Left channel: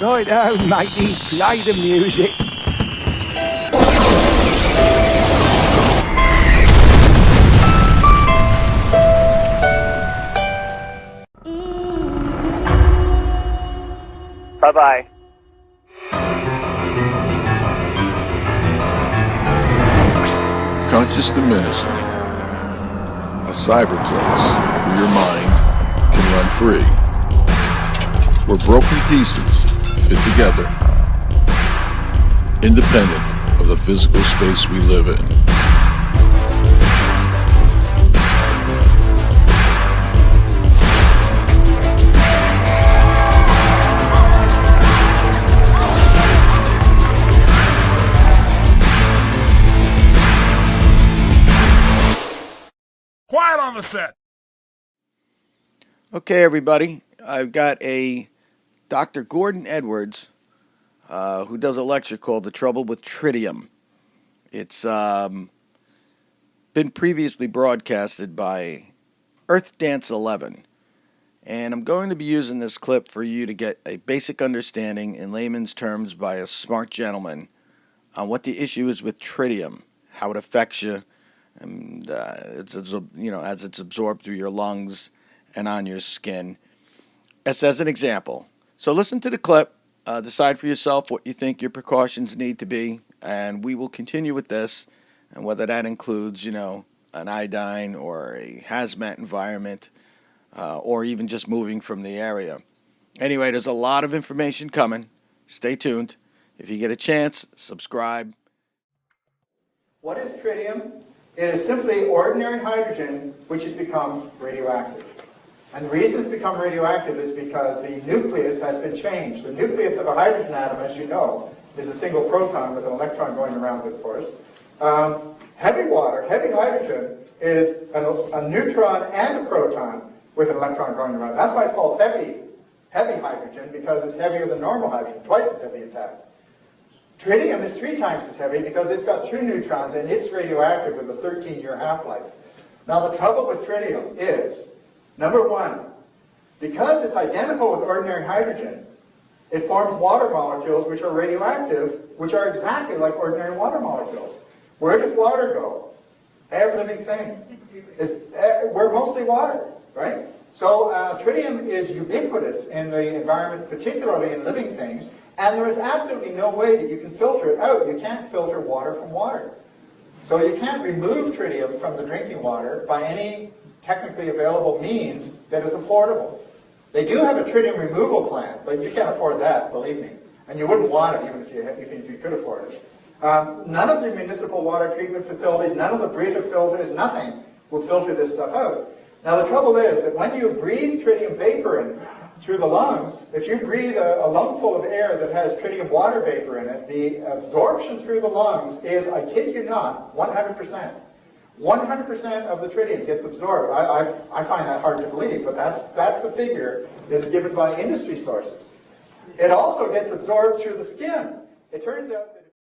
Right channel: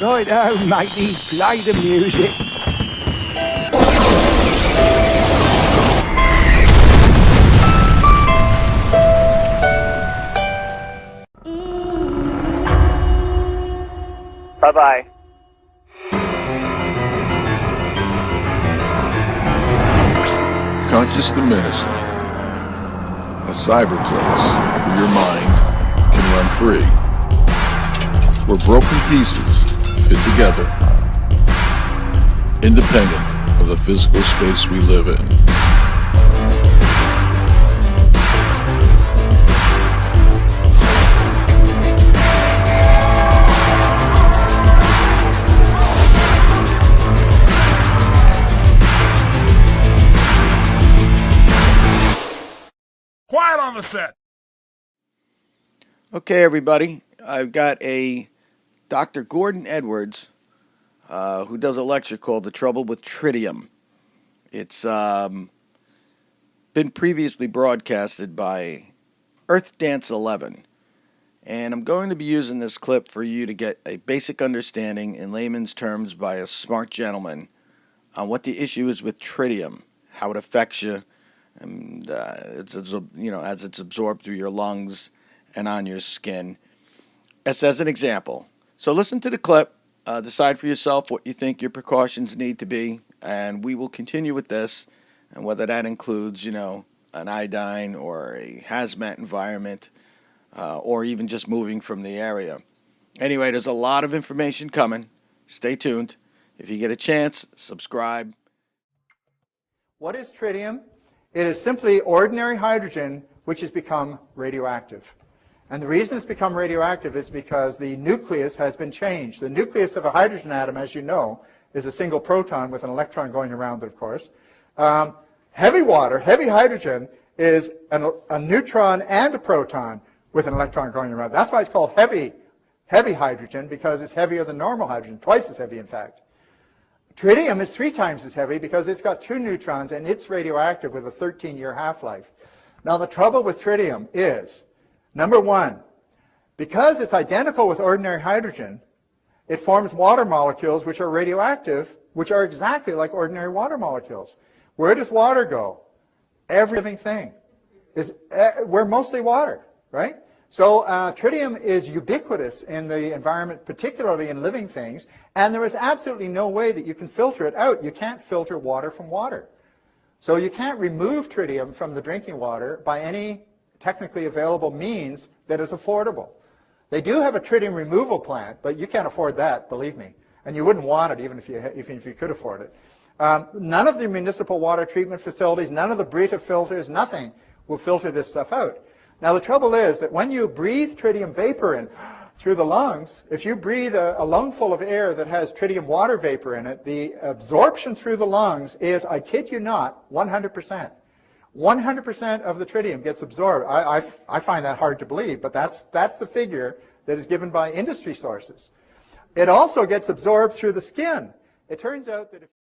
Right now, matey, play the music. Bye-bye. Conscious Diminishing, a cyberplace where your mind can run free, where broken pieces fit together, independent of the physical space we live in. Quiet on the set. Okay, everybody. I've got a Dr. Gordon Edwards who does a lecture called The Trouble with Tritium. It's been previously broadcasted by Earth Dance 11. And I'm going to be using this clip for you to get a basic understanding in layman's terms by a smart gentleman on what the issue is with tritium, how it affects you, and as it's absorbed through your lungs and on your skin. As an example. So listen to the clip, decide for yourself what you think your precautions need to be, and we will continue with this, and whether that includes, an iodine or a hazmat environment, or even just moving from the area. Anyway, there's a lot of information coming. Stay tuned. If you get a chance, subscribe. What is tritium? It is simply ordinary hydrogen which has become radioactive. And the reason it's become radioactive is because the nucleus has been changed. The nucleus of a hydrogen atom, as you know, is a single proton with an electron going around it, of course. Heavy water, heavy hydrogen, is a neutron and a proton with an electron going around. That's why it's called heavy hydrogen, because it's heavier than normal hydrogen, twice as heavy, in fact. Tritium is 3 times as heavy because it's got 2 neutrons and it's radioactive with a 13-year half-life. Now the trouble with tritium is, number 1, because it's identical with ordinary hydrogen, it forms water molecules which are radioactive, which are exactly like ordinary water molecules. Where does water go? Every living thing. We're mostly water, right? So tritium is ubiquitous in the environment, particularly in living things, and there is absolutely no way that you can filter it out. You can't filter water from water. So you can't remove tritium from the drinking water by any technically available means that is affordable. They do have a tritium removal plant, but you can't afford that, believe me. And you wouldn't want it even if you could afford it. None of the municipal water treatment facilities, none of the Brita filters, nothing will filter this stuff out. Now the trouble is that when you breathe tritium vapor in through the lungs, if you breathe a lungful of air that has tritium water vapor in it, the absorption through the lungs is, I kid you not, 100%. 100% of the tritium gets absorbed. I find that hard to believe, but that's the figure that is given by industry sources. It also gets absorbed through the skin. It turns out that if